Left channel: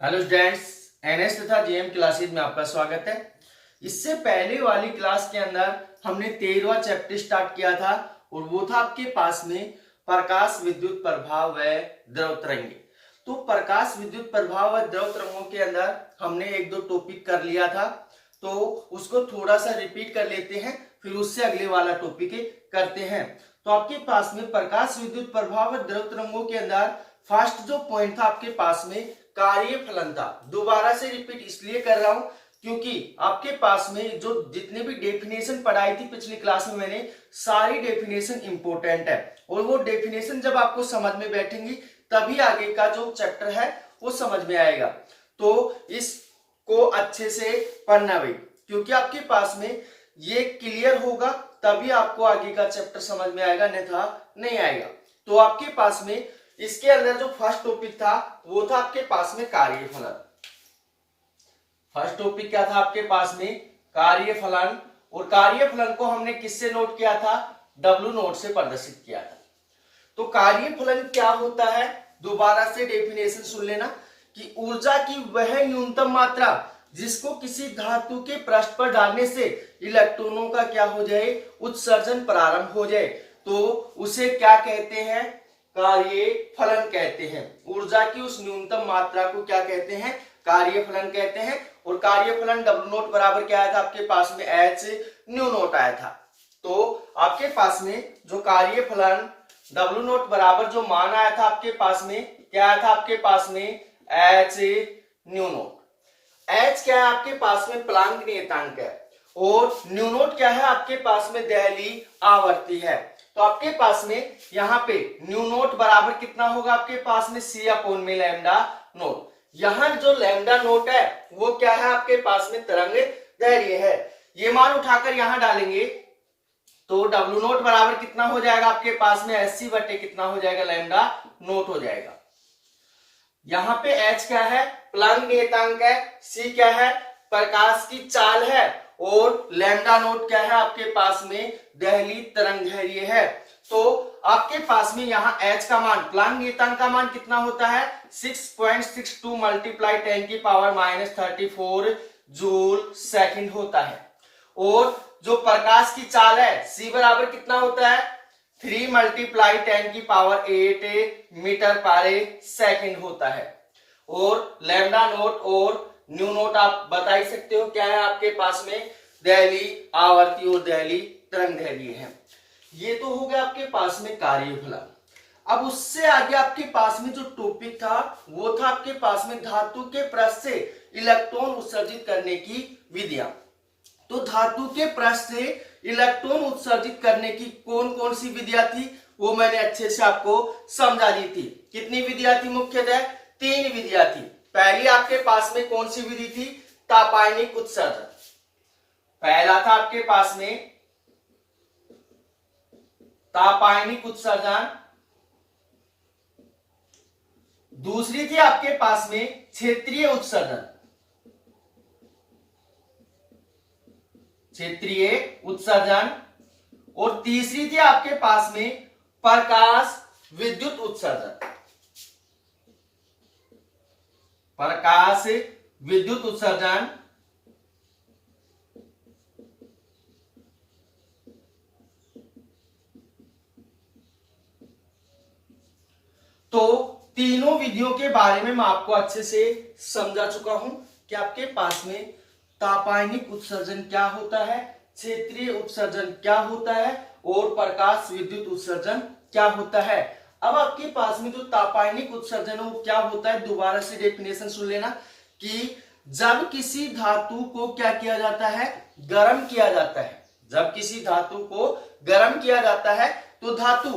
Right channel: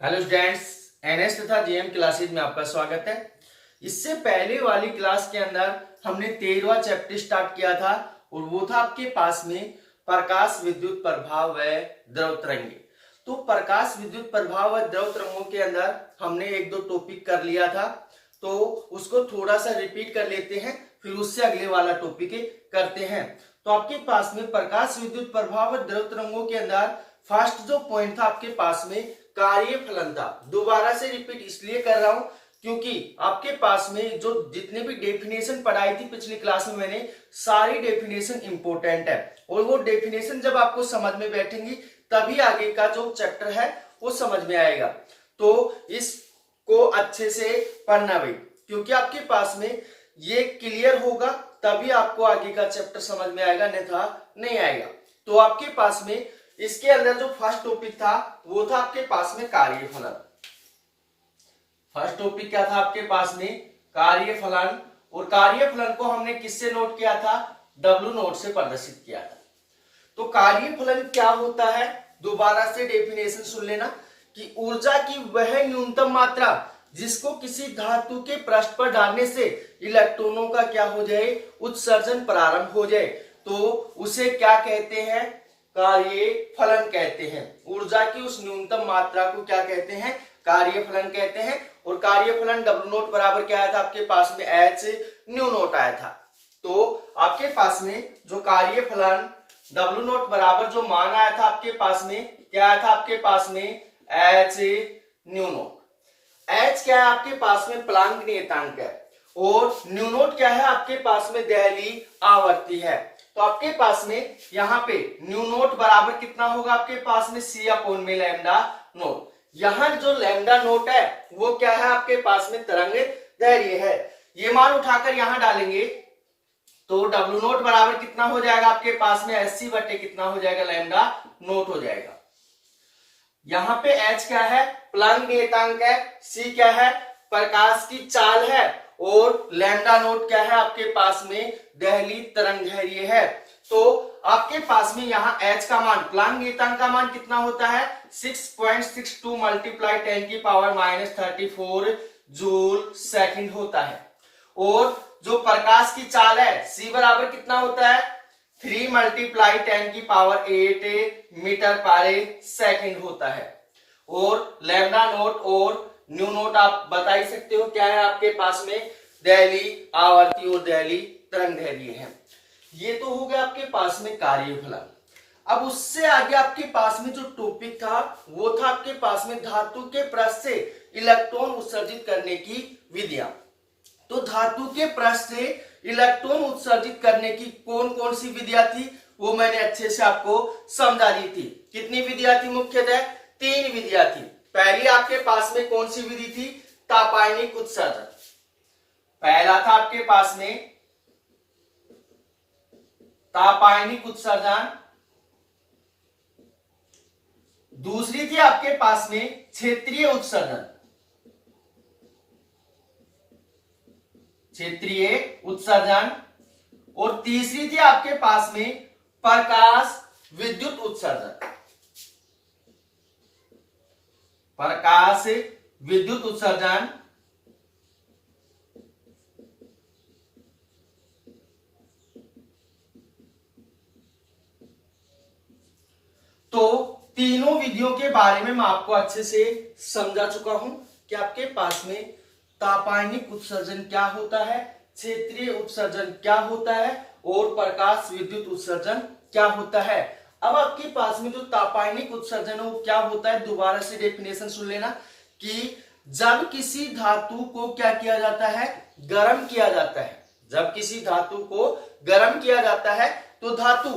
Hello students, NS तथा JM classes में आपका स्वागत है। इससे पहले वाली क्लास के अंदर हमने 13वां चैप्टर स्टार्ट किया था और वो था आपके पास में प्रकाश विद्युत प्रभाव व द्रव तरंगे। तो प्रकाश विद्युत प्रभाव व द्रव तरंगों के अंदर हमने एक दो टॉपिक कर लिया था, तो उसको थोड़ा सा रिपीट कर लेते हैं, फिर उससे अगले वाला टॉपिक करते हैं। तो आपके पास में प्रकाश विद्युत प्रभाव व द्रव तरंगों के अंदर फर्स्ट जो पॉइंट था आपके पास में कार्य फलन था। दोबारा से रिपीट इसलिए कर रहा हूं क्योंकि आपके पास में जो जितने भी डेफिनेशन पढ़ाई थी पिछली क्लास में मैंने, सारी डेफिनेशन इंपॉर्टेंट है और वो डेफिनेशन जब आपको समझ में बैठेंगी तभी आगे का जो चैप्टर है वो समझ में आएगा। तो इसको अच्छे से पढ़ना भाई, क्योंकि आपके पास में ये क्लियर होगा तभी आपको आगे का चैप्टर समझ में आएगा, अन्यथा नहीं आएगा। तो आपके पास में इसके अंदर जो फर्स्ट टॉपिक था वो था आपके पास में कार्यफलन। फर्स्ट टॉपिक क्या था आपके पास में? कार्यफलन। और कार्यफलन को हमने किससे नोट किया था? W नोट से प्रदर्शित किया था। तो कार्यफलन क्या होता है, दोबारा से डेफिनेशन सुन लेना कि ऊर्जा की वह न्यूनतम मात्रा जिसको किसी धातु के पृष्ठ पर डालने से इलेक्ट्रॉनों का क्या हो जाए, उत्सर्जन प्रारंभ हो जाए, तो उसे क्या कहते हैं? कार्यफलन कहते हैं। ऊर्जा की उस न्यूनतम मात्रा को क्या कहते हैं? कार्यफलन कहते हैं। और कार्यफलन W नोट बराबर क्या आया था आपके पास में? H न्यू नोट आया था। तो आपके पास में जो कार्यफलन W नोट बराबर जो मान आया था आपके पास में, क्या आया था आपके पास में? H new note. H क्या है आपके पास में? प्लांक नियतांक है। और न्यू नोट क्या है आपके पास में? दहली आवर्ती है। तो आपके पास में यहाँ पे न्यू नोट बराबर कितना होगा आपके पास में? C अपॉन में लैम्डा नोट। यहाँ जो लैम्डा नोट है वो क्या है आपके पास में? तरंग दैर्घ्य है। ये मान उठाकर यहाँ डालेंगे तो W नोट बराबर कितना हो जाएगा आपके पास में? 80 बटे कितना हो जाएगा? लैम्डा नोट हो जाएगा। यहाँ पे H क्या है? प्लांक नियतांक है। C क्या है? प्रकाश की चाल है। और लैम्डा नोट क्या है आपके पास में? दहली तरंग दैर्घ्य है। तो आपके पास में यहाँ H का मान, प्लांक नियतांक का मान कितना होता है? 6.62 मल्टीप्लाई 10 की पावर -34 जूल सेकंड होता है। और जो प्रकाश की चाल है C बराबर कितना होता है? 3 मल्टीप्लाई 10 की पावर 8 मीटर पर सेकंड होता है। और लैम्डा नोट और न्यू नोट आप बता ही सकते हो क्या है आपके पास में? दहली आवर्ती और दहली तरंग दैर्घ्य है। ये तो हो गया आपके पास में कार्यफलन। अब उससे आगे आपके पास में जो टॉपिक था वो था आपके पास में धातु के पृष्ठ से इलेक्ट्रॉन उत्सर्जित करने की विधियां। तो धातु के पृष्ठ से इलेक्ट्रॉन उत्सर्जित करने की कौन कौन सी विधियां थी वो मैंने अच्छे से आपको समझा दी थी। कितनी विधियां थी? मुख्यतः 3 विधियां थी। पहली आपके पास में कौन सी विधि थी? तापायनिक उत्सर्जन। पहला था आपके पास में तापायनिक उत्सर्जन। दूसरी थी आपके पास में क्षेत्रीय उत्सर्जन। क्षेत्रीय उत्सर्जन। और तीसरी थी आपके पास में प्रकाश विद्युत उत्सर्जन। प्रकाश विद्युत उत्सर्जन। तो तीनों विधियों के बारे में मैं आपको अच्छे से समझा चुका हूं कि आपके पास में तापायनिक उत्सर्जन क्या होता है, क्षेत्रीय उत्सर्जन क्या होता है और प्रकाश विद्युत उत्सर्जन क्या होता है। अब आपके पास में जो तापायनिक उत्सर्जन है वो क्या होता है, दोबारा से डेफिनेशन सुन लेना कि जब किसी धातु को क्या किया जाता है? गर्म किया जाता है। जब किसी धातु को गर्म किया जाता है तो धातु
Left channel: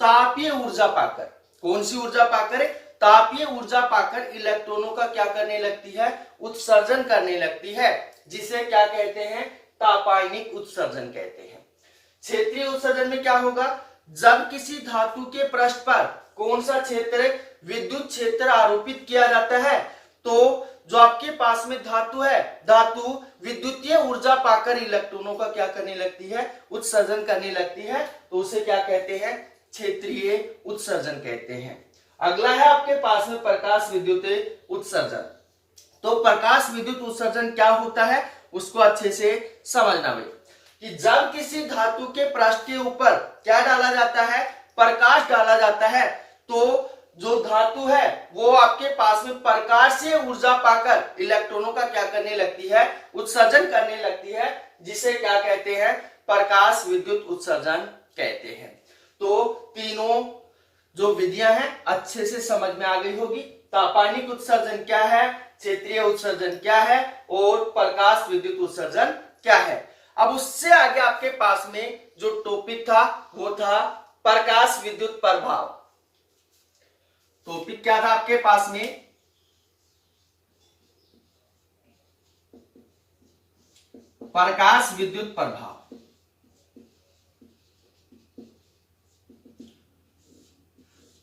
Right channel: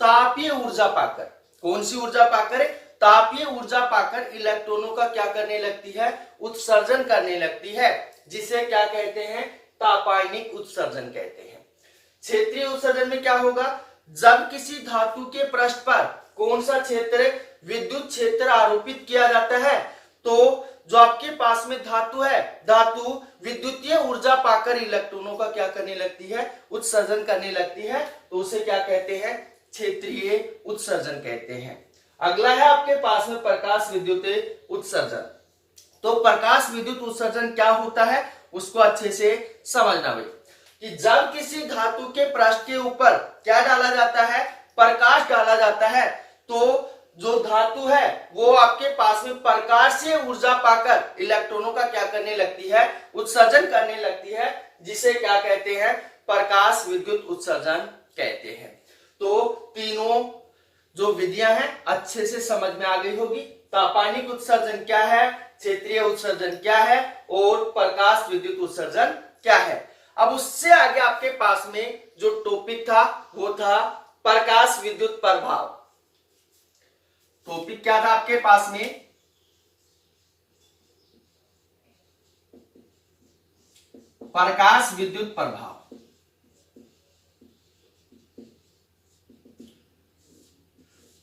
तापीय ऊर्जा पाकर, कौन सी ऊर्जा पाकर? तापीय ऊर्जा पाकर इलेक्ट्रॉनों का क्या करने लगती है? उत्सर्जन करने लगती है, जिसे क्या कहते हैं? तापायनिक उत्सर्जन कहते हैं। क्षेत्रीय उत्सर्जन में क्या होगा? जब किसी धातु के पृष्ठ पर कौन सा क्षेत्र, विद्युत क्षेत्र आरोपित किया जाता है, तो जो आपके पास में धातु है, धातु विद्युतीय ऊर्जा पाकर इलेक्ट्रॉनों का क्या करने लगती है? उत्सर्जन करने लगती है, तो उसे क्या कहते हैं? क्षेत्रीय उत्सर्जन कहते हैं। अगला है आपके पास में प्रकाश विद्युत उत्सर्जन। तो प्रकाश विद्युत उत्सर्जन क्या होता है उसको अच्छे से समझना भाई, कि जब किसी धातु के पृष्ठ के ऊपर क्या डाला जाता है, प्रकाश डाला जाता है, तो जो धातु है वो आपके पास में प्रकाश से ऊर्जा पाकर इलेक्ट्रॉनों का क्या करने लगती है, उत्सर्जन करने लगती है, जिसे क्या कहते हैं, प्रकाश विद्युत उत्सर्जन कहते हैं। तो तीनों जो विधियां हैं अच्छे से समझ में आ गई होगी। तापानिक उत्सर्जन क्या है, क्षेत्रीय उत्सर्जन क्या है और प्रकाश विद्युत उत्सर्जन क्या है। अब उससे आगे आपके पास में जो टॉपिक था वो था प्रकाश विद्युत प्रभाव। टॉपिक क्या था आपके पास में, प्रकाश विद्युत प्रभाव।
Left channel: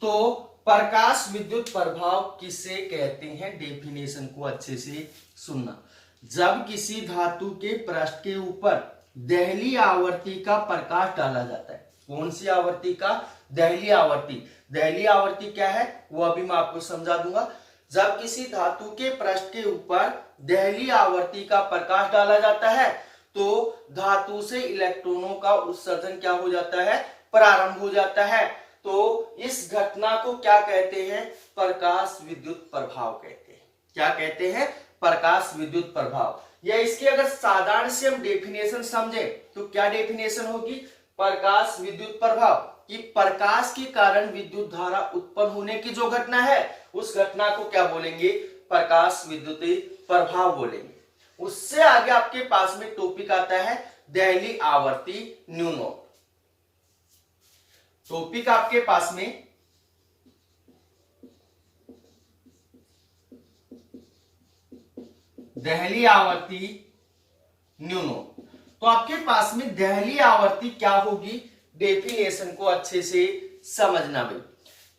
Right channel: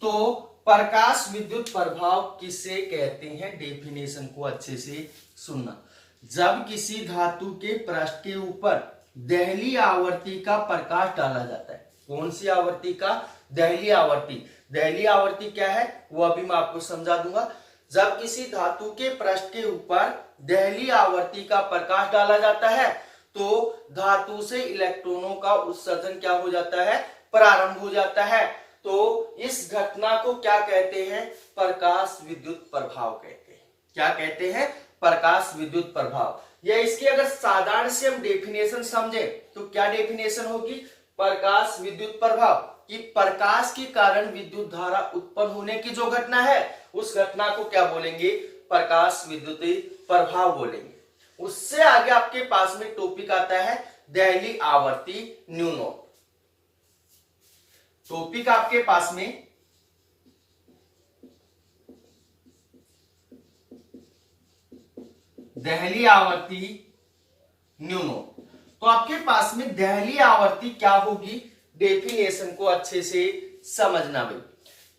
तो प्रकाश विद्युत प्रभाव किसे कहते हैं, डेफिनेशन को अच्छे से सुनना। जब किसी धातु के पृष्ठ के ऊपर दहली आवर्ती का प्रकाश डाला जाता है, कौन सी आवर्ती का, दहली आवर्ती। दहली आवर्ती क्या है वो अभी मैं आपको समझा दूंगा। जब किसी धातु के पृष्ठ के ऊपर दहली आवर्ती का प्रकाश डाला जाता है तो धातु से इलेक्ट्रॉनों का उत्सर्जन क्या हो जाता है, प्रारंभ हो जाता है। तो इस घटना को क्या कहते हैं, प्रकाश विद्युत प्रभाव कहते हैं। क्या कहते हैं, प्रकाश विद्युत प्रभाव। या इसकी अगर साधारण से हम डेफिनेशन समझे तो क्या डेफिनेशन होगी, प्रकाश विद्युत प्रभाव कि प्रकाश के कारण विद्युत धारा उत्पन्न होने की जो घटना है उस घटना को क्या बोलेंगे, प्रकाश विद्युत प्रभाव बोलेंगे। उससे आगे आपके पास में टॉपिक आता है दहली आवर्ती न्यू नोट। टॉपिक आपके पास में दहली आवर्ती न्यू नोट। तो आपके पास में दहली आवर्ती क्या होगी, डेफिनेशन को अच्छे से समझना भाई,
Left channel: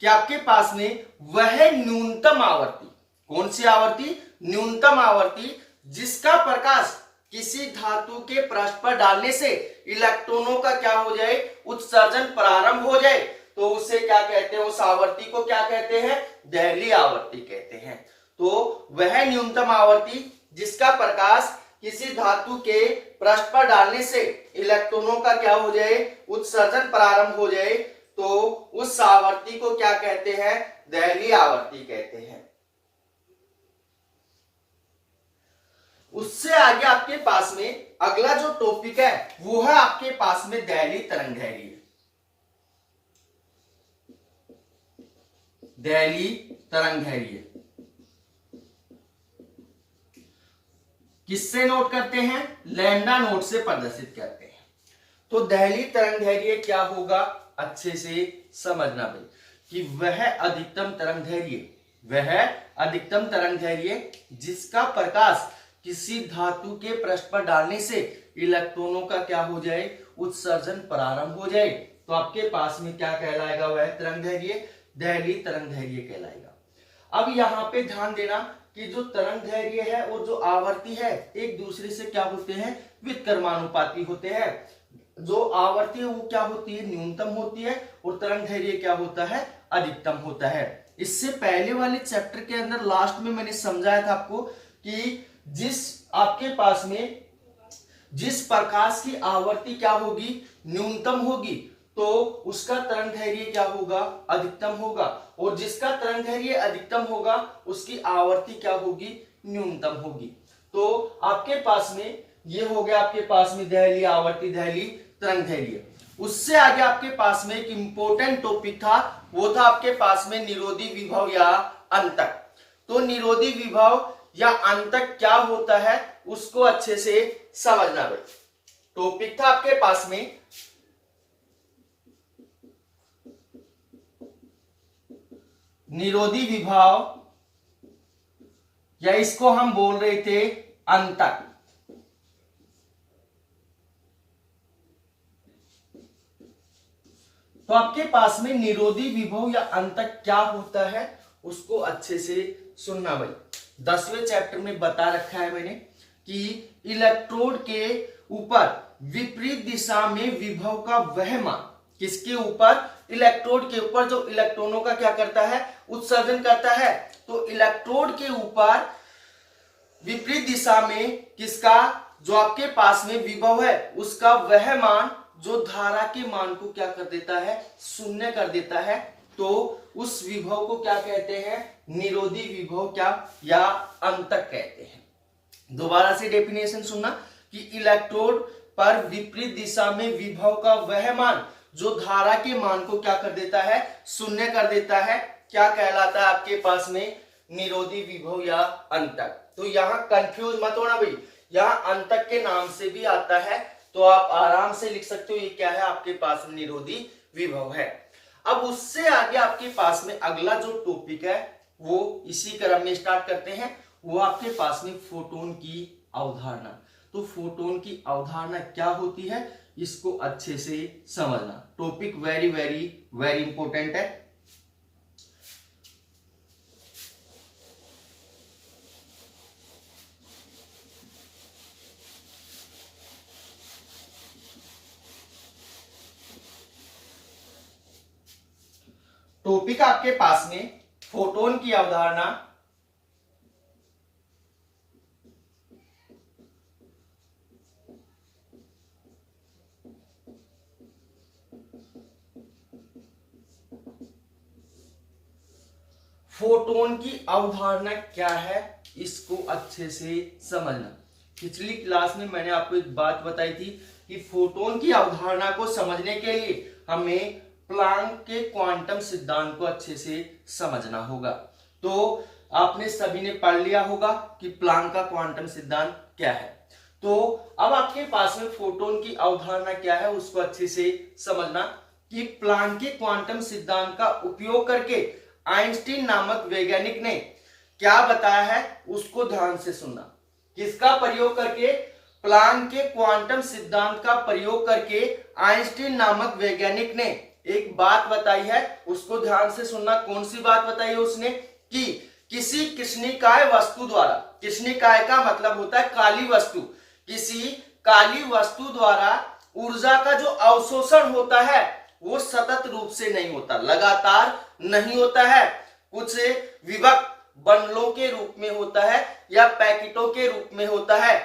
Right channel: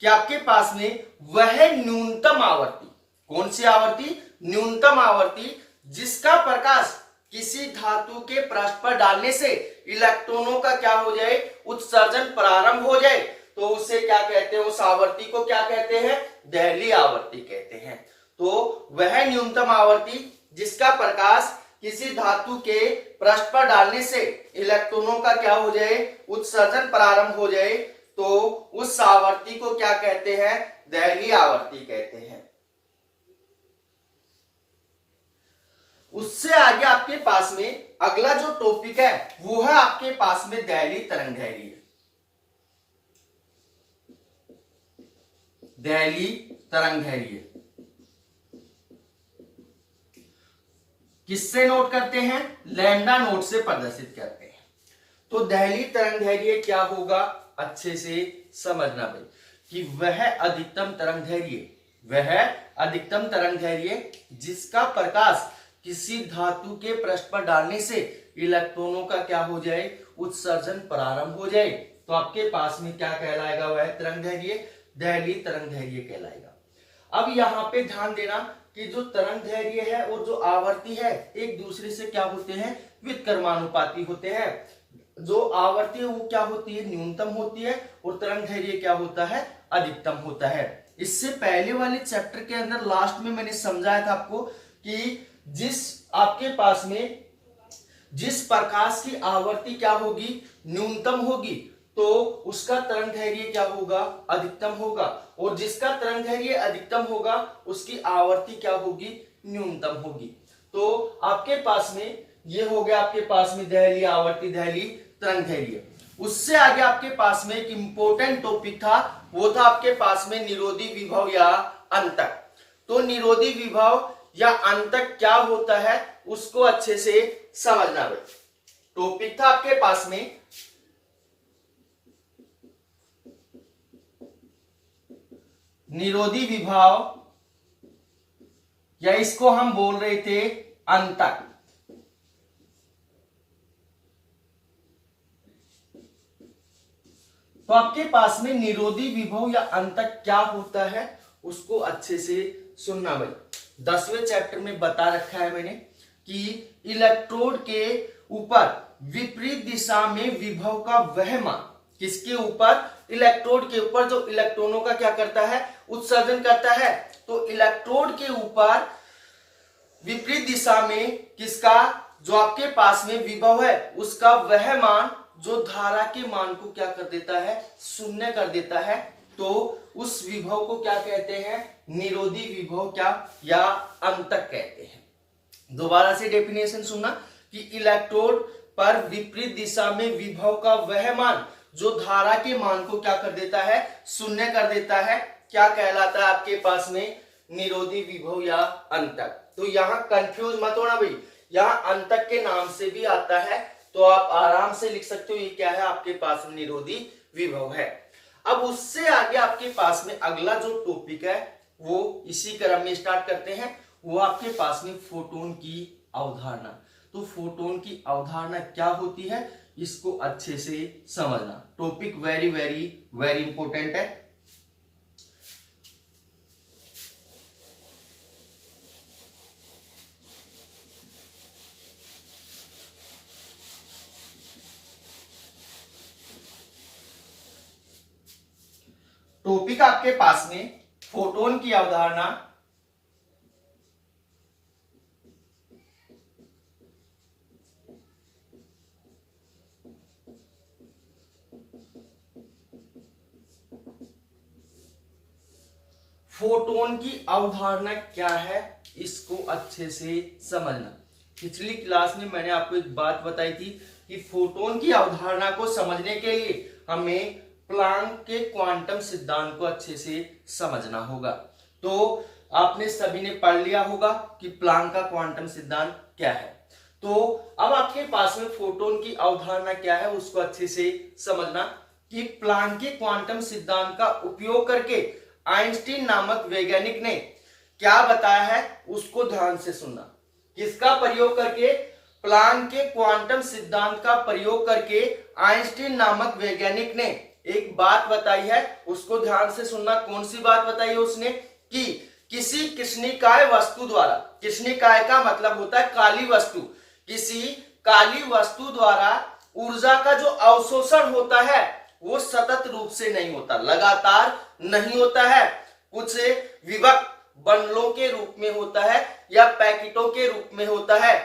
कि आपके पास में वह न्यूनतम आवर्ती, कौन सी आवर्ती, न्यूनतम आवर्ती जिसका प्रकाश किसी धातु के पृष्ठ पर डालने से इलेक्ट्रॉनों का क्या हो जाए, उत्सर्जन प्रारंभ हो जाए, तो उसे क्या कहते हैं, उस आवर्ती को क्या कहते हैं, दहली आवर्ती कहते हैं। तो वह न्यूनतम आवर्ती जिसका प्रकाश किसी धातु के पृष्ठ पर डालने से इलेक्ट्रॉनों का क्या हो जाए, उत्सर्जन प्रारंभ हो जाए, तो उस आवर्ती को क्या कहते हैं, दहली आवर्ती कहते हैं। उससे आगे आपके पास में अगला जो टॉपिक है वो है आपके पास में दहली तरंगदैर्घ्य। दहली तरंगदैर्घ्य किससे नोट करते हैं, लैम्डा नोट से प्रदर्शित करते हैं। तो दहली तरंगदैर्घ्य क्या होगा, अच्छे से समझना भाई, कि वह अधिकतम तरंगदैर्घ्य, वह अधिकतम तरंगदैर्घ्य जिसका प्रकाश किसी धातु के पृष्ठ पर डालने से इलेक्ट्रॉनों का क्या हो जाए, उत्सर्जन प्रारंभ हो जाए, तो आपके पास में क्या कहलाएगा, वह तरंगदैर्घ्य दहली तरंगदैर्घ्य कहलाएगा। अब यहाँ पे ध्यान देना कि जो तरंगदैर्घ्य है और जो आवर्ती है एक दूसरे से क्या होते हैं, व्युत्क्रमानुपाती होते हैं। जो आवर्ती है वो क्या होती है, न्यूनतम होती है, और तरंगदैर्घ्य क्या होता है, अधिकतम होता है। इससे पहले वाले चैप्टर के अंदर लास्ट में मैंने समझाया था आपको कि जिस आपके पास में जिस प्रकाश की आवर्ती क्या होगी, न्यूनतम होगी, तो उसका तरंगदैर्घ्य क्या होगा, अधिकतम होगा, और जिसका तरंगदैर्घ्य अधिकतम होगा उसकी आवर्ती क्या होगी, न्यूनतम होगी। तो आपके पास में ये हो गया आपके पास में दहली आवर्ती, दहली तरंगदैर्घ्य। उससे आगे आपके पास में एक इंपॉर्टेंट टॉपिक था, वो था आपके पास में निरोधी विभव या अंतक। तो निरोधी विभव या अंतक क्या होता है उसको अच्छे से समझना है। टॉपिक था आपके पास में निरोधी विभव, या इसको हम बोल रहे थे अंतक। तो आपके पास में निरोधी विभव या अंतक क्या होता है उसको अच्छे से सुनना भाई। 10वें चैप्टर में बता रखा है मैंने कि इलेक्ट्रोड के ऊपर विपरीत दिशा में विभव का वह मान, किसके ऊपर, इलेक्ट्रोड के ऊपर जो इलेक्ट्रॉनों का क्या करता है, उत्सर्जन करता है। तो इलेक्ट्रोड के ऊपर विपरीत दिशा में किसका, जो आपके पास में विभव है उसका वह मान जो धारा के मान को क्या कर देता है, शून्य कर देता है, तो उस विभव को क्या कहते हैं, निरोधी विभव क्या या अंतक कहते हैं। दोबारा से डेफिनेशन सुनना कि इलेक्ट्रोड पर विपरीत दिशा में विभव का वह मान जो धारा के मान को क्या कर देता है, शून्य कर देता है, क्या कहलाता है आपके पास में, निरोधी विभव या अंतक। तो यहाँ कंफ्यूज मत होना भाई, यहाँ अंतक के नाम से भी आता है, तो आप आराम से लिख सकते हो ये क्या है, आपके पास में निरोधी विभव है। अब उससे आगे आपके पास में अगला जो टॉपिक है वो इसी क्रम में स्टार्ट करते हैं, वो आपके पास में फोटोन की अवधारणा। तो फोटोन की अवधारणा क्या होती है, इसको अच्छे से समझना। Topic very very very important है। टॉपिक आपके पास में फोटोन की अवधारणा। फोटोन की अवधारणा क्या है, इसको अच्छे से समझना। पिछली क्लास में मैंने आपको एक बात बताई थी कि फोटोन की अवधारणा को समझने के लिए हमें प्लांक के क्वांटम सिद्धांत को अच्छे से समझना होगा। तो आपने सभी ने पढ़ लिया होगा कि प्लांक का क्वांटम सिद्धांत क्या है। तो अब आपके पास में फोटोन की अवधारणा क्या है उसको अच्छे से समझना कि प्लांक के क्वांटम सिद्धांत का उपयोग करके आइंस्टीन नामक वैज्ञानिक ने क्या बताया है उसको ध्यान से सुनना। किसका प्रयोग करके, प्लांक के क्वांटम सिद्धांत का प्रयोग करके आइंस्टीन नामक वैज्ञानिक ने एक बात बताई है, उसको ध्यान से सुनना। कौन सी बात बताई है उसने, कि किसी कृष्णिकाय वस्तु द्वारा, कृष्णिकाय का मतलब होता है काली वस्तु, किसी काली वस्तु द्वारा ऊर्जा का जो अवशोषण होता है वो सतत रूप से नहीं होता, लगातार नहीं होता है, कुछ विभक्त बंडलों के रूप में होता है या पैकेटों के रूप में होता है।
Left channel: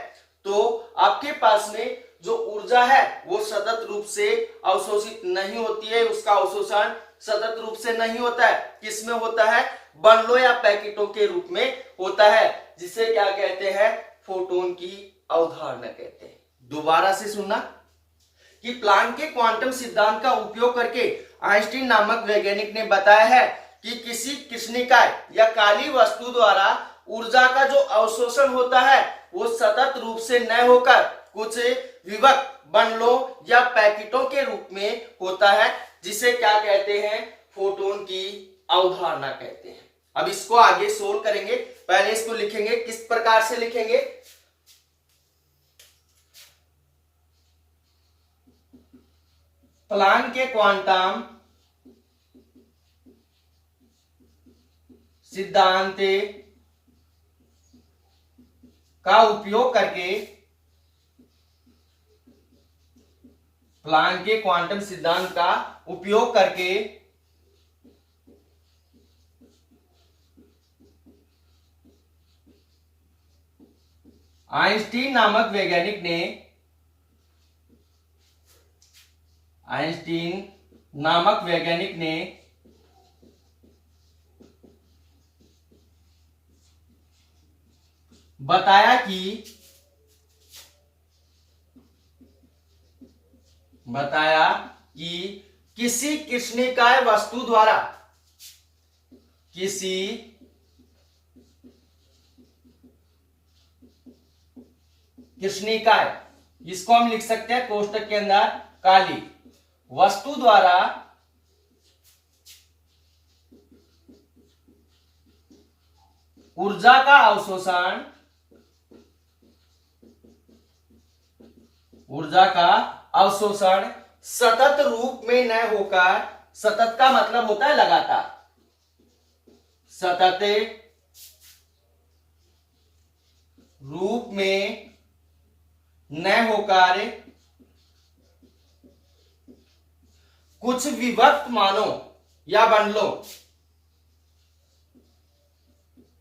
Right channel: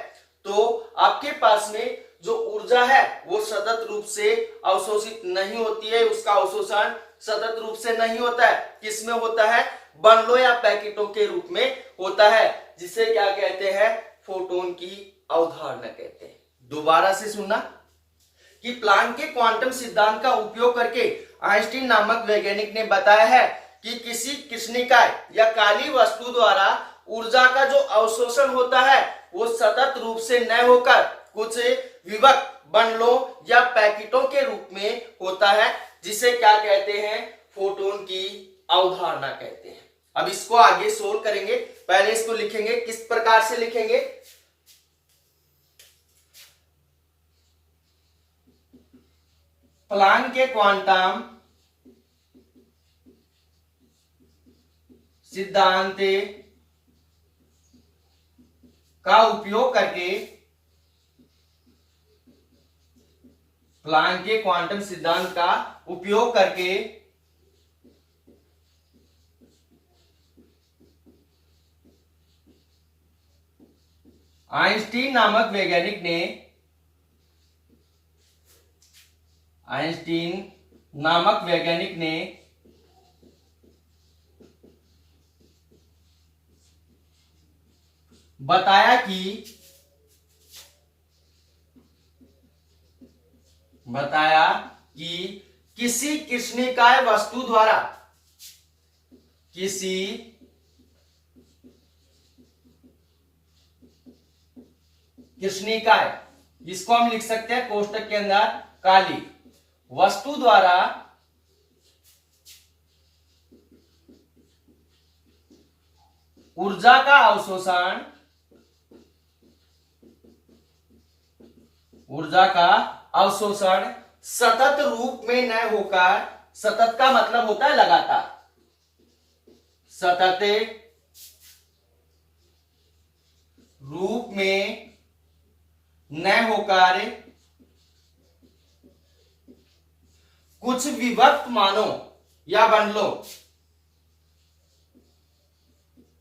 तो आपके पास में जो ऊर्जा है वो सतत रूप से अवशोषित नहीं होती है, उसका अवशोषण सतत रूप से नहीं होता है। किसमें होता है, बंडलों या पैकेटों के रूप में होता है, जिसे क्या कहते हैं, फोटोन की अवधारणा कहते हैं। दोबारा से सुनना कि प्लांक के क्वांटम सिद्धांत का उपयोग करके आइंस्टीन नामक वैज्ञानिक ने बताया है कि किसी कृष्णिकाय या काली वस्तु द्वारा ऊर्जा का जो अवशोषण होता है वो सतत रूप से न होकर कुछ विभक्त बंडलों या पैकेटों के रूप में होता है, जिसे क्या कहते हैं, फोटोन की अवधारणा कहते हैं। अब इसको आगे सोल्व करेंगे, पहले इसको लिखेंगे। किस प्रकार से लिखेंगे, प्लांक के क्वांटम सिद्धांत का उपयोग करके, प्लांक के क्वांटम सिद्धांत का उपयोग करके आइंस्टीन नामक वैज्ञानिक ने, आइंस्टीन नामक वैज्ञानिक ने बताया कि किसी कृष्णिकाय वस्तु द्वारा, किसी कृष्णिकाय, इसको हम लिख सकते हैं कोष्टक के अंदर काली वस्तु द्वारा ऊर्जा का अवशोषण, ऊर्जा का अवशोषण सतत रूप में न होकर, सतत का मतलब होता है लगातार, सतत रूप में न होकर कुछ विभक्त मानों या बंडलों,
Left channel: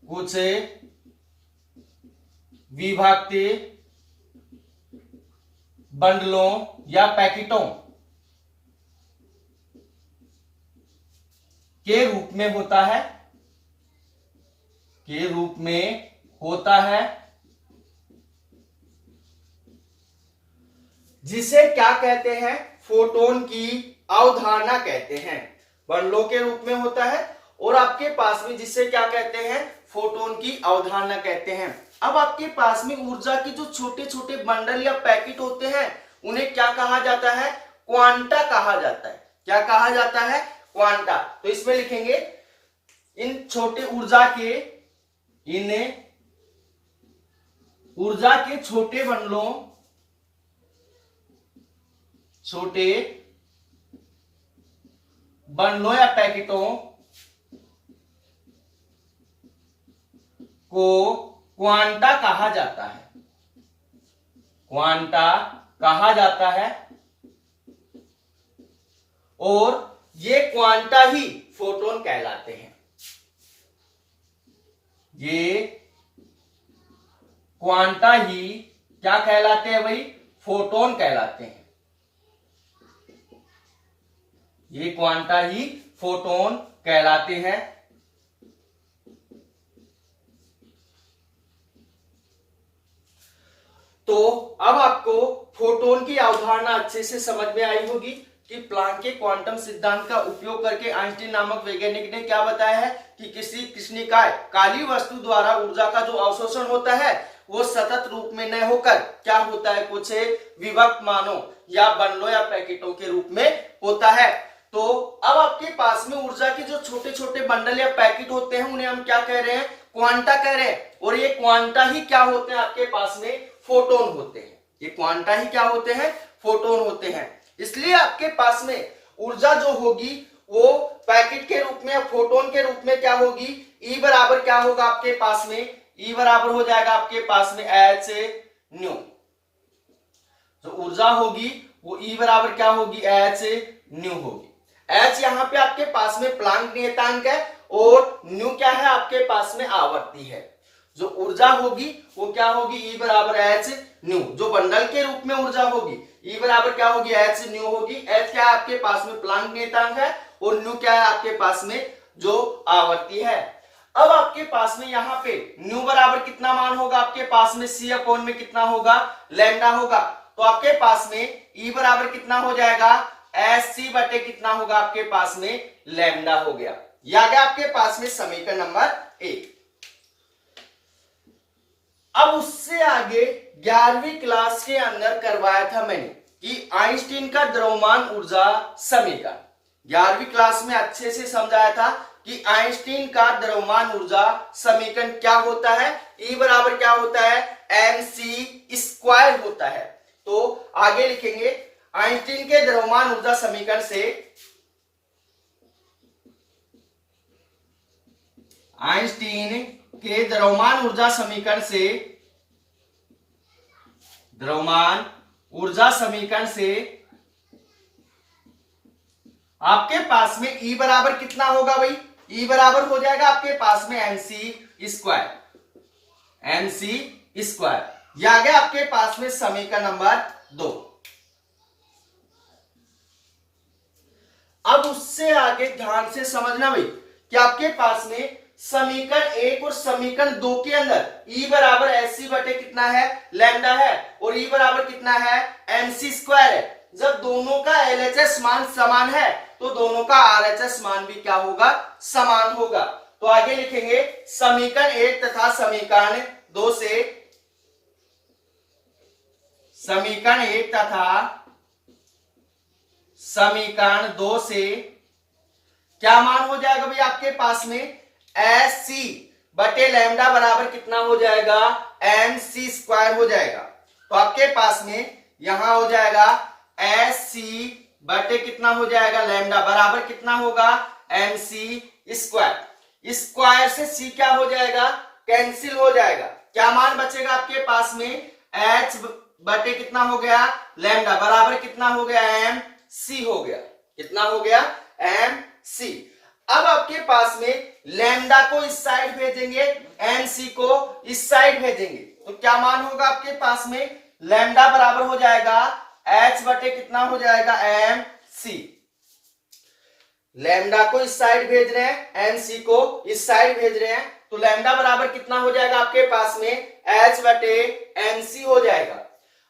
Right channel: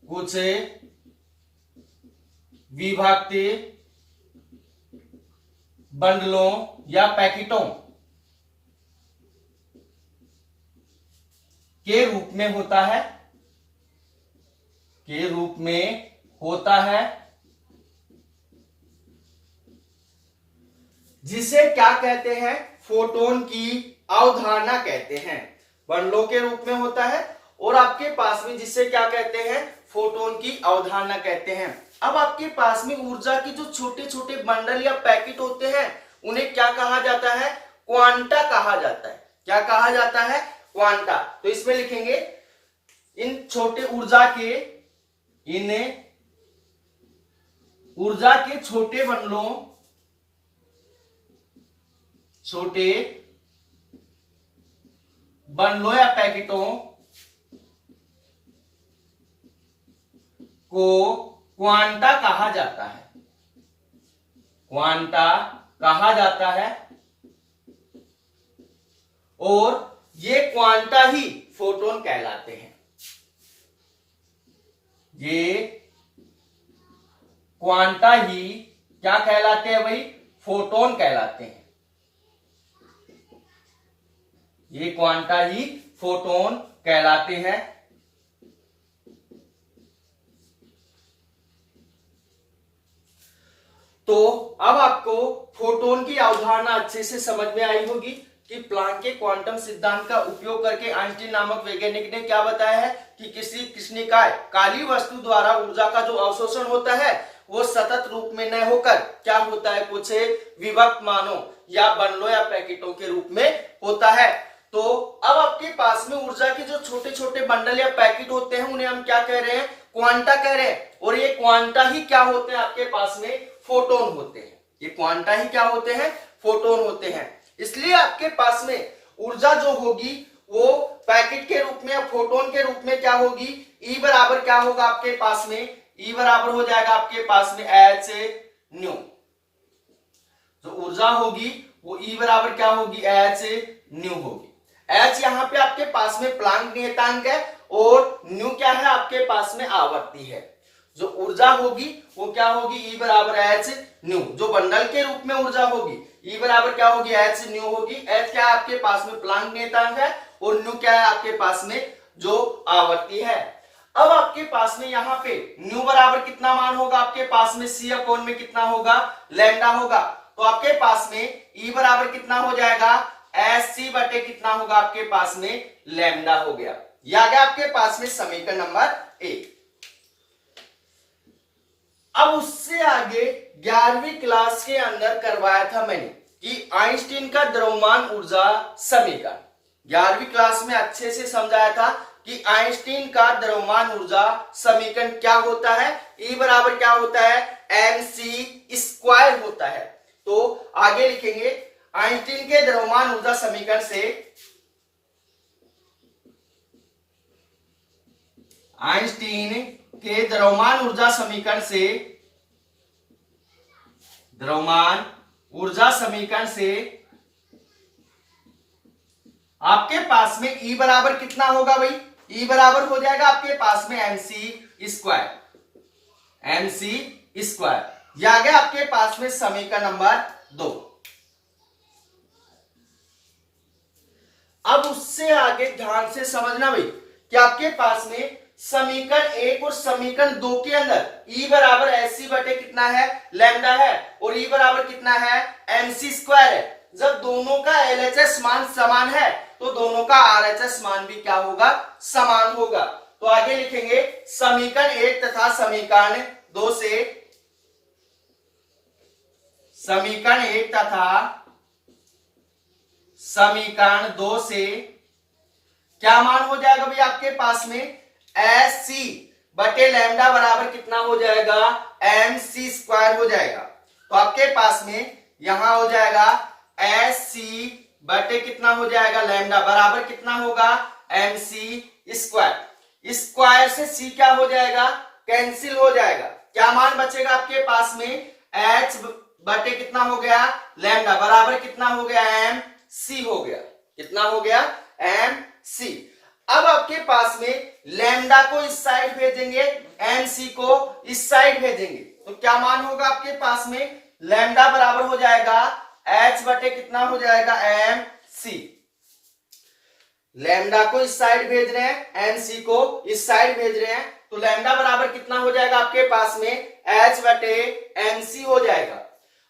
कुछ विभक्त बंडलों या पैकेटों के रूप में होता है, के रूप में होता है, जिसे क्या कहते हैं, फोटोन की अवधारणा कहते हैं। बंडलों के रूप में होता है और आपके पास में जिसे क्या कहते हैं, फोटोन की अवधारणा कहते हैं। अब आपके पास में ऊर्जा के जो छोटे छोटे बंडल या पैकेट होते हैं उन्हें क्या कहा जाता है, क्वांटा कहा जाता है। क्या कहा जाता है, क्वांटा। तो इसमें लिखेंगे इन छोटे ऊर्जा के, इन ऊर्जा के छोटे बंडलों, छोटे बंडलों या पैकेटों को क्वांटा कहा जाता है, क्वांटा कहा जाता है। और ये क्वांटा ही फोटोन कहलाते हैं, ये क्वांटा ही क्या कहलाते हैं भाई, फोटोन कहलाते हैं। ये क्वांटा ही फोटोन कहलाते हैं। तो अब आपको फोटोन की अवधारणा अच्छे से समझ में आई होगी कि प्लांक के क्वांटम सिद्धांत का उपयोग करके आइंस्टीन नामक वैज्ञानिक ने क्या बताया है कि किसी कृष्णिकाय काली वस्तु द्वारा ऊर्जा का जो अवशोषण होता है वो सतत रूप में न होकर क्या होता है, कुछ विभक्त मानों या बंडलों या पैकेटों के रूप में होता है। तो अब आपके पास में ऊर्जा के जो छोटे छोटे बंडल या पैकेट होते हैं उन्हें हम क्या कह रहे हैं, क्वांटा कह रहे हैं। और ये क्वांटा ही क्या होते हैं, आपके पास में फोटोन होते हैं। ये क्वांटा ही क्या होते हैं, फोटोन होते हैं। इसलिए आपके पास में ऊर्जा जो होगी वो पैकेट के रूप में, फोटोन के रूप में क्या होगी, ई बराबर क्या होगा आपके पास में, ई बराबर हो जाएगा आपके पास में एच न्यू। जो ऊर्जा होगी वो ई बराबर क्या होगी, एच न्यू होगी। एच यहाँ पे आपके पास में प्लांक नियतांक है और न्यू क्या है, आपके पास में आवर्ती है। जो ऊर्जा होगी वो क्या होगी, ई बराबर एच न्यू। जो बंडल के रूप में ऊर्जा होगी ई बराबर क्या होगी, एच न्यू होगी। एच क्या है आपके पास में प्लांक नियतांक है और न्यू क्या है आपके पास में जो आवर्ती है। अब आपके पास में यहाँ पे न्यू बराबर कितना मान होगा, आपके पास में सी अपॉन में कितना होगा, लैम्डा होगा। तो आपके पास में ई बराबर कितना हो जाएगा, एस सी बटे कितना होगा आपके पास में, लैम्डा हो गया। ये आ गया आपके पास में समीकरण नंबर 1। अब उससे आगे 11वीं क्लास के अंदर करवाया था मैंने कि आइंस्टीन का द्रव्यमान ऊर्जा समीकरण। 11वीं क्लास में अच्छे से समझाया था कि आइंस्टीन का द्रव्यमान ऊर्जा समीकरण क्या होता है, ई बराबर क्या होता है, एम सी स्क्वायर होता है। तो आगे लिखेंगे आइंस्टीन के द्रव्यमान ऊर्जा समीकरण से, आइंस्टीन के द्रव्यमान ऊर्जा समीकरण से, द्रव्यमान ऊर्जा समीकरण से आपके पास में ई बराबर कितना होगा भाई, ई बराबर हो जाएगा आपके पास में एमसी स्क्वायर, एमसी स्क्वायर। यह आ गया आपके पास में समीकरण नंबर 2। अब उससे आगे ध्यान से समझना भाई कि आपके पास में समीकरण 1 और समीकरण 2 के अंदर ई बराबर एस सी बटे कितना है, लैम्डा है, और ई बराबर कितना है, एमसी स्क्वायर है। जब दोनों का एलएचएस मान समान है तो दोनों का आरएचएस मान भी क्या होगा, समान होगा। तो आगे लिखेंगे समीकरण 1 तथा समीकरण 2 से, समीकरण 1 तथा समीकरण 2 से क्या मान हो जाएगा भाई आपके पास में, एस सी बटे लैम्डा बराबर कितना हो जाएगा, एम सी स्क्वायर हो जाएगा। तो आपके पास में यहां हो जाएगा एस सी बटे कितना हो जाएगा, लैम्डा बराबर कितना होगा, एम सी स्क्वायर। स्क्वायर से सी क्या हो जाएगा, कैंसिल हो जाएगा। क्या मान बचेगा आपके पास में, एच बटे कितना हो गया, लैम्डा बराबर कितना हो गया, एम सी हो गया। कितना हो गया, एम सी। अब आपके पास में लैम्डा को इस साइड भेजेंगे, एन सी को इस साइड भेजेंगे, तो क्या मान होगा आपके पास में, लैम्डा बराबर हो जाएगा एच बटे कितना हो जाएगा एम सी। लैम्डा को इस साइड भेज रहे हैं, एन सी को इस साइड भेज रहे हैं, तो लैम्डा बराबर कितना हो जाएगा आपके पास में एच बटे एम सी हो जाएगा।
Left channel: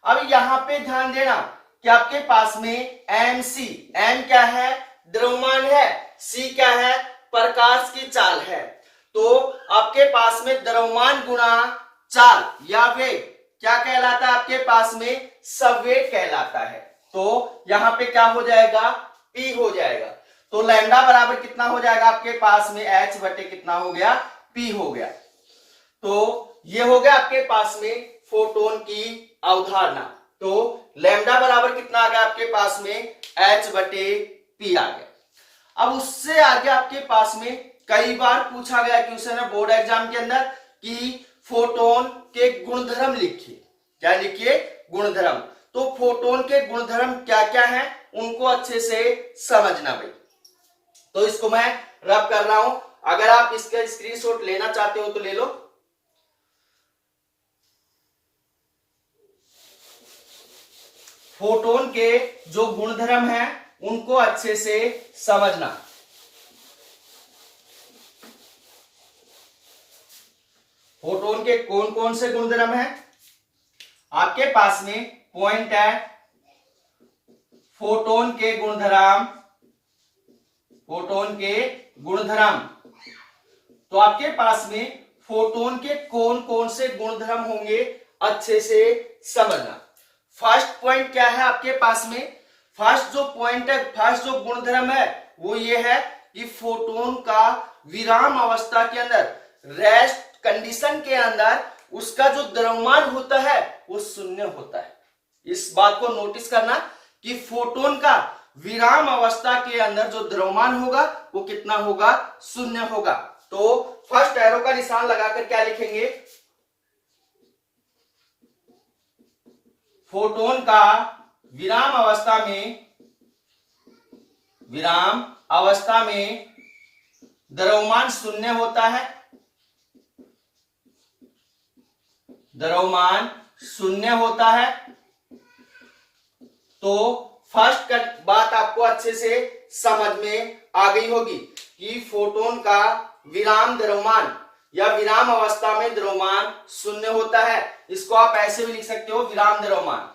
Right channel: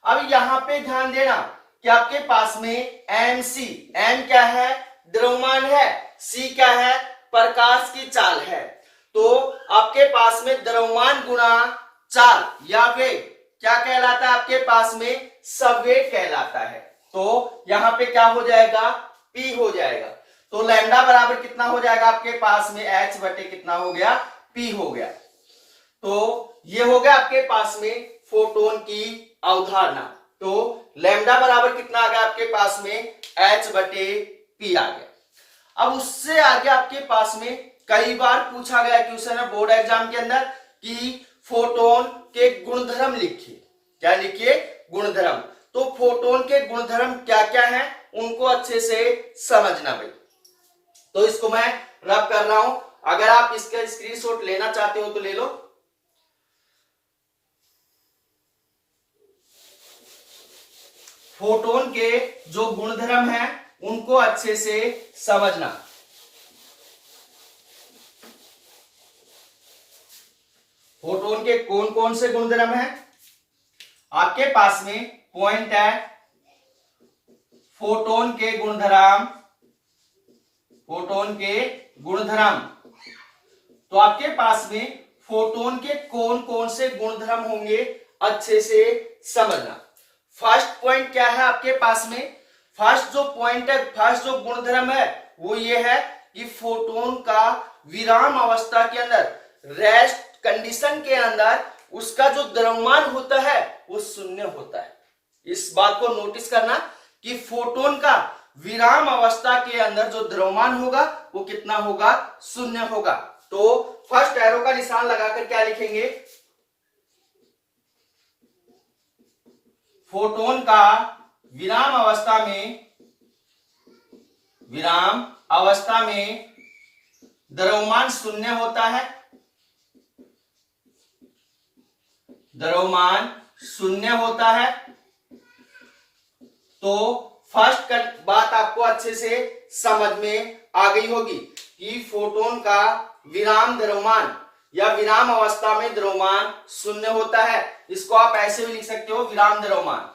अब यहां पे ध्यान देना कि आपके पास में एम सी, एम क्या है द्रव्यमान है, सी क्या है प्रकाश की चाल है, तो आपके पास में द्रव्यमान गुणा चाल या वेग क्या कहलाता है आपके पास में संवेग कहलाता है। तो यहां पे क्या हो जाएगा P हो जाएगा, तो लैम्डा बराबर कितना हो जाएगा आपके पास में H बटे कितना हो गया P हो गया। तो ये हो गया आपके पास में फोटोन की अवधारणा। तो लैम्डा बराबर कितना आ गया आपके पास में H बटे P आ गया। अब उससे आगे आपके पास में कई बार पूछा गया क्वेश्चन है बोर्ड एग्जाम के अंदर कि फोटोन के गुणधर्म लिखिए, क्या लिखिए गुणधर्म। तो फोटोन के गुणधर्म क्या क्या हैं उनको अच्छे से समझना भाई। तो इसको मैं रब कर रहा हूं, अगर आप इसका स्क्रीनशॉट लेना चाहते हो तो ले लो। फोटोन के जो गुणधर्म हैं उनको अच्छे से समझना। फोटोन के कौन कौन से गुणधर्म हैं आपके पास में पॉइंट है, फोटोन के गुणधर्म, फोटोन के गुणधर्म। तो आपके पास में फोटोन के कौन कौन से गुणधर्म होंगे अच्छे से समझना। फर्स्ट पॉइंट क्या है आपके पास में, फर्स्ट जो पॉइंट है, फर्स्ट जो गुणधर्म है वो ये है कि फोटोन का विराम अवस्था के अंदर, रेस्ट कंडीशन के अंदर उसका जो द्रव्यमान होता है वो शून्य होता है। इस बात को नोटिस करना कि फोटोन का विराम अवस्था के अंदर जो द्रव्यमान होगा वो कितना होगा शून्य होगा। तो फर्स्ट एरो का निशान लगाकर क्या लिखेंगे, फोटोन का विराम अवस्था में, विराम अवस्था में द्रव्यमान शून्य होता है, द्रव्यमान शून्य होता है। तो फर्स्ट बात आपको अच्छे से समझ में आ गई होगी कि फोटोन का विराम द्रव्यमान या विराम अवस्था में द्रव्यमान शून्य होता है। इसको आप ऐसे भी लिख सकते हो विराम द्रव्यमान,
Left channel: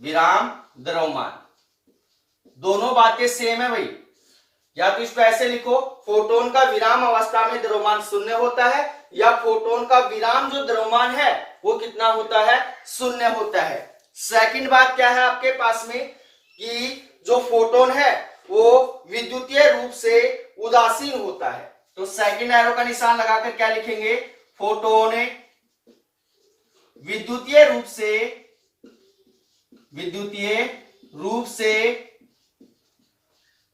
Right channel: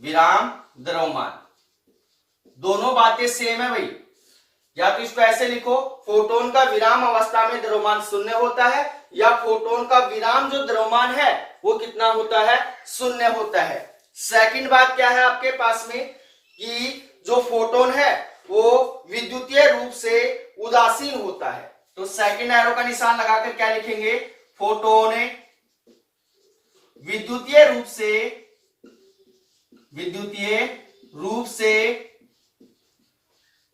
विराम द्रव्यमान, दोनों बातें सेम है भाई। या तो इसको ऐसे लिखो फोटोन का विराम अवस्था में द्रव्यमान शून्य होता है, या फोटोन का विराम जो द्रव्यमान है वो कितना होता है शून्य होता है। सेकंड बात क्या है आपके पास में कि जो फोटोन है वो विद्युतीय रूप से उदासीन होता है। तो सेकंड एरो का निशान लगाकर क्या लिखेंगे, फोटोन विद्युतीय रूप से, विद्युतीय रूप से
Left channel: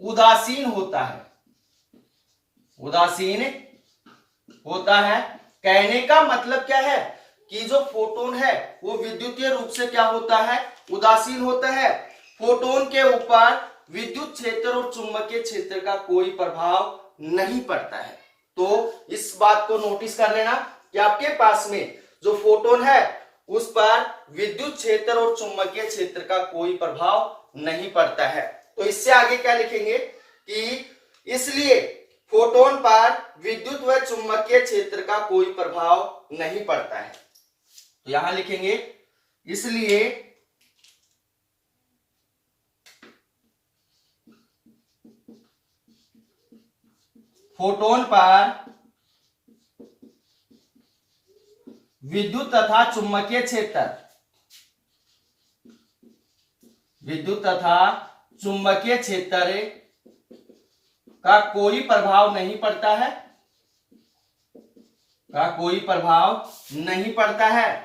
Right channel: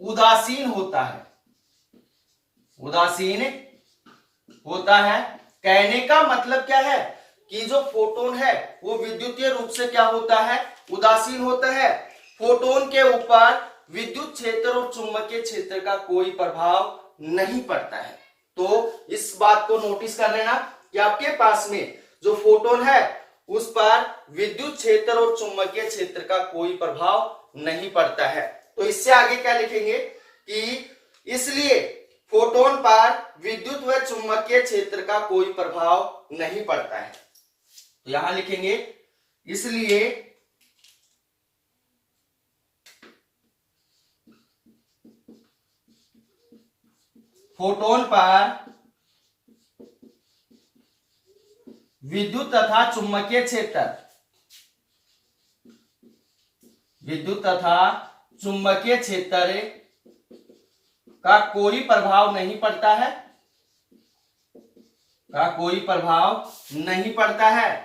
उदासीन होता है, उदासीन होता है। कहने का मतलब क्या है कि जो फोटोन है वो विद्युतीय रूप से क्या होता है उदासीन होता है। फोटोन के ऊपर विद्युत क्षेत्र और चुंबकीय क्षेत्र का कोई प्रभाव नहीं पड़ता है। तो इस बात को नोटिस कर लेना कि आपके पास में जो फोटोन है उस पर विद्युत क्षेत्र और चुंबकीय क्षेत्र का कोई प्रभाव नहीं पड़ता है। तो इससे आगे क्या लिखेंगे कि इसलिए फोटोन पर विद्युत व चुंबकीय क्षेत्र का कोई प्रभाव नहीं पड़ता है। तो यहां लिखेंगे इसलिए फोटोन पर विद्युत तथा चुंबकीय क्षेत्र, विद्युत तथा चुंबकीय क्षेत्र का कोई प्रभाव नहीं पड़ता है, का कोई प्रभाव नहीं पड़ता है।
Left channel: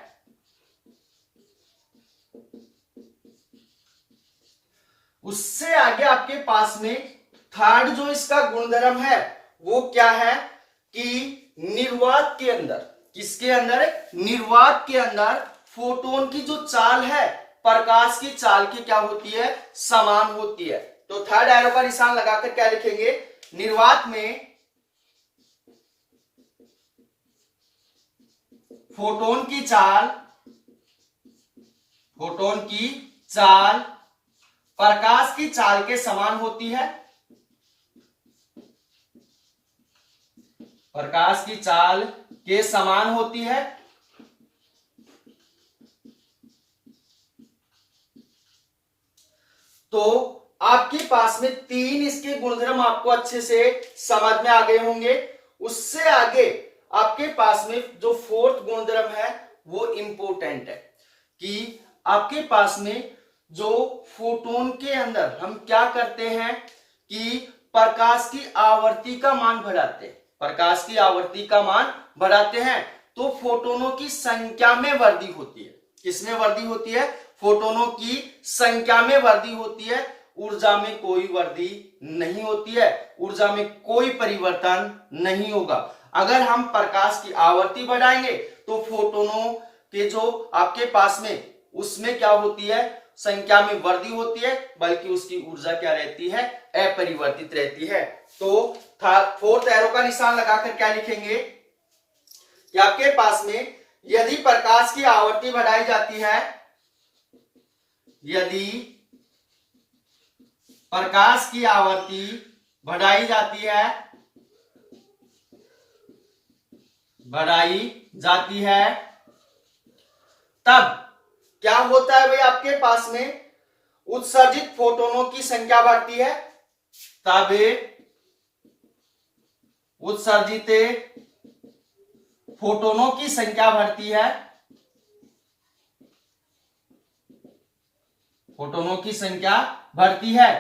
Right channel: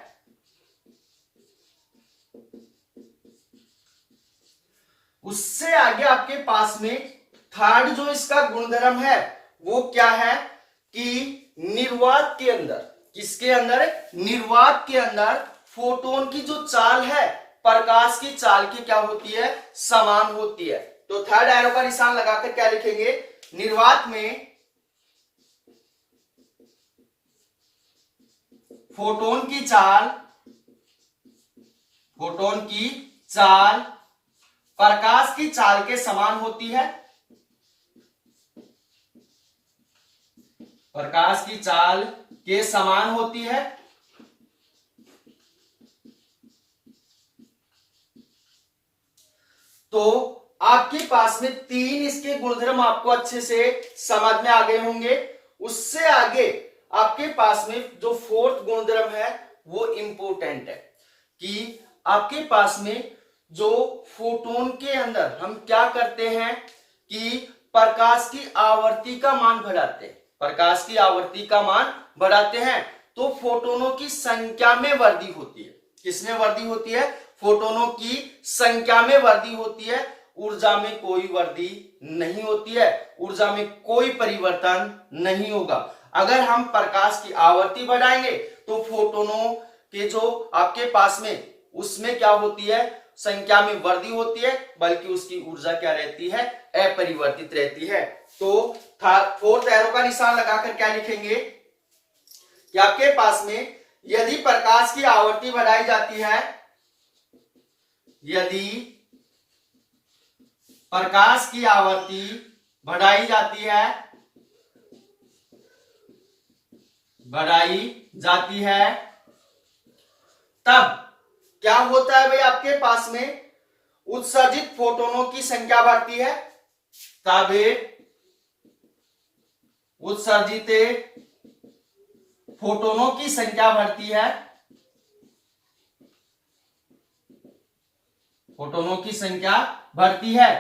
उससे आगे आपके पास में थर्ड जो इसका गुणधर्म है वो क्या है कि निर्वात के अंदर, किसके अंदर, निर्वात के अंदर फोटोन की जो चाल है प्रकाश की चाल की क्या होती है समान होती है। तो थर्ड एरो का निशान लगाकर क्या लिखेंगे निर्वात में फोटोन की चाल प्रकाश की चाल के समान होती है। प्रकाश की चाल के समान होती है। तो आपके पास में 3 इसके गुणधर्म आपको अच्छे से समझ में आ गए होंगे। उससे आगे आपके पास में जो 4th गुणधर्म है वो इंपॉर्टेंट है कि आपके पास में जो फोटोन के अंदर हम क्या करते हैं कि प्रकाश की आवर्ती का मान बढ़ाते हैं। प्रकाश की आवर्ती का मान बढ़ाते हैं तो फोटोनों की संख्या में वृद्धि होती है। किसमें वृद्धि होती है? फोटोनों की संख्या में वृद्धि होती है। ऊर्जा में कोई वृद्धि नहीं होती है, ऊर्जा में कोई परिवर्तन नहीं होगा। अगर हम प्रकाश की आवर्ती बढ़ाएंगे तो फोटोनों के जो आपके पास में उसमें क्या होती है? संख्या में वृद्धि होती है, बल्कि उसकी ऊर्जा क्या रहती है? अपरिवर्तित रहती है। तो 4th एरो का निशान लगाकर क्या लिखेंगे कि आपके पास में यदि प्रकाश की आवर्ती बढ़ाई जाती है, यदि प्रकाश की आवर्ती बढ़ाई जाती है तब क्या होता है भाई? आपके पास में उत्सर्जित फोटोनों की संख्या बढ़ती है। तब उत्सर्जित फोटोनों की संख्या बढ़ती है। फोटोनों की संख्या बढ़ती है,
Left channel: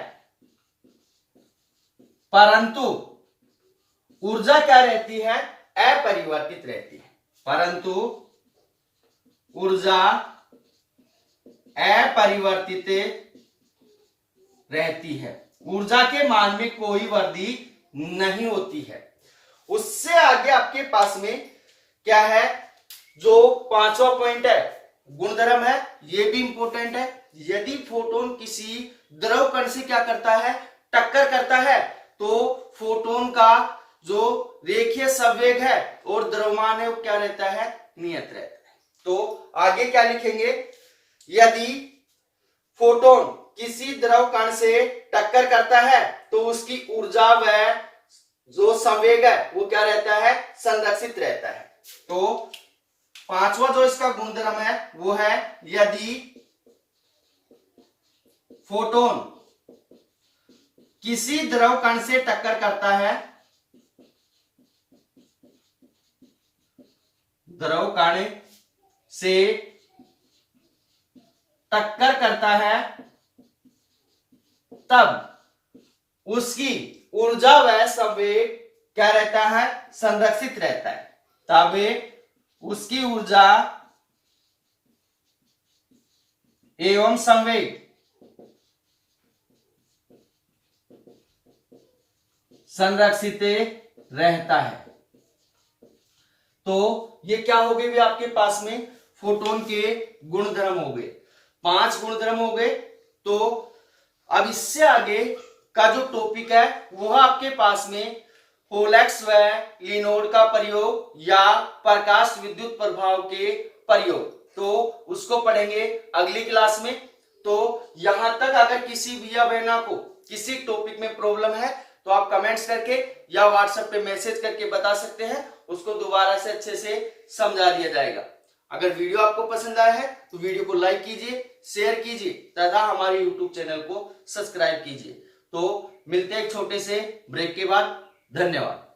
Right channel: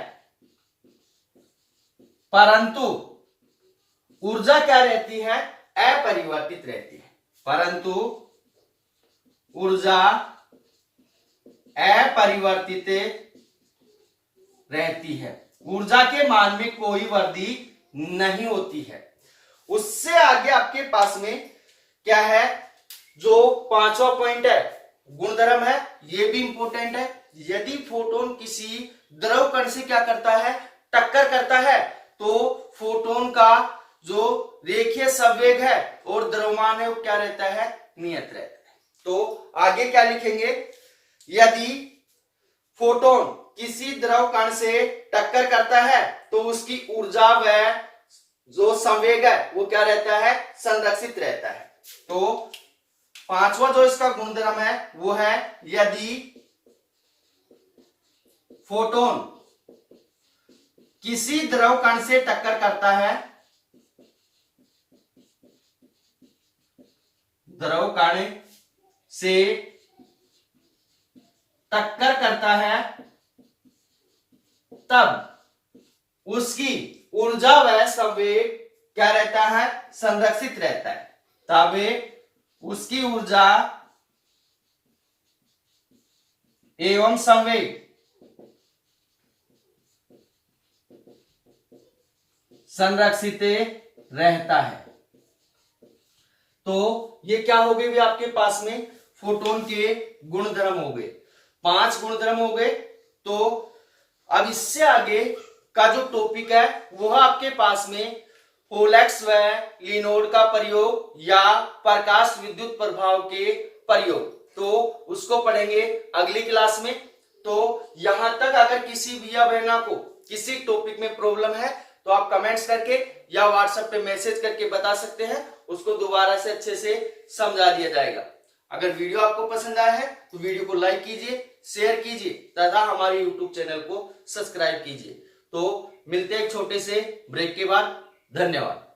परंतु ऊर्जा क्या रहती है? अपरिवर्तित रहती है। परंतु ऊर्जा अपरिवर्तित रहती है। ऊर्जा के मान में कोई वृद्धि नहीं होती है। उससे आगे आपके पास में क्या है? जो 5वां पॉइंट है, गुणधर्म है, ये भी इंपॉर्टेंट है। यदि फोटोन किसी द्रव कण से क्या करता है? टक्कर करता है, तो फोटोन का जो रेखीय संवेग है और द्रव्यमान है वो क्या रहता है? नियत रहता है। तो आगे क्या लिखेंगे? यदि फोटोन किसी द्रव कण से टक्कर करता है तो उसकी ऊर्जा व जो संवेग है वो क्या रहता है? संरक्षित रहता है। तो 5वां जो इसका गुणधर्म है वो है यदि फोटोन किसी द्रव कण से टक्कर करता है, द्रव कण से टक्कर करता है, तब उसकी ऊर्जा व संवेग क्या रहता है? संरक्षित रहता है। तब उसकी ऊर्जा एवं संवेग संरक्षित रहता है। तो ये क्या हो गए भी आपके पास में? फोटोन के गुणधर्म हो गए, 5 गुणधर्म हो गए। तो अब इससे आगे का जो टॉपिक है वह आपके पास में पोलैक्स व लिनोड का प्रयोग या प्रकाश विद्युत प्रभाव के प्रयोग, तो उसको पढ़ेंगे अगली क्लास में। तो यहां तक अगर किसी भैया बहना को किसी टॉपिक में प्रॉब्लम है तो आप कमेंट्स करके या व्हाट्सएप पे मैसेज करके बता सकते हैं, उसको दोबारा से अच्छे से समझा दिया जाएगा। अगर वीडियो आपको पसंद आया है तो वीडियो को लाइक कीजिए, शेयर कीजिए तथा हमारे यूट्यूब चैनल को सब्सक्राइब कीजिए। तो मिलते हैं एक छोटे से ब्रेक के बाद। धन्यवाद।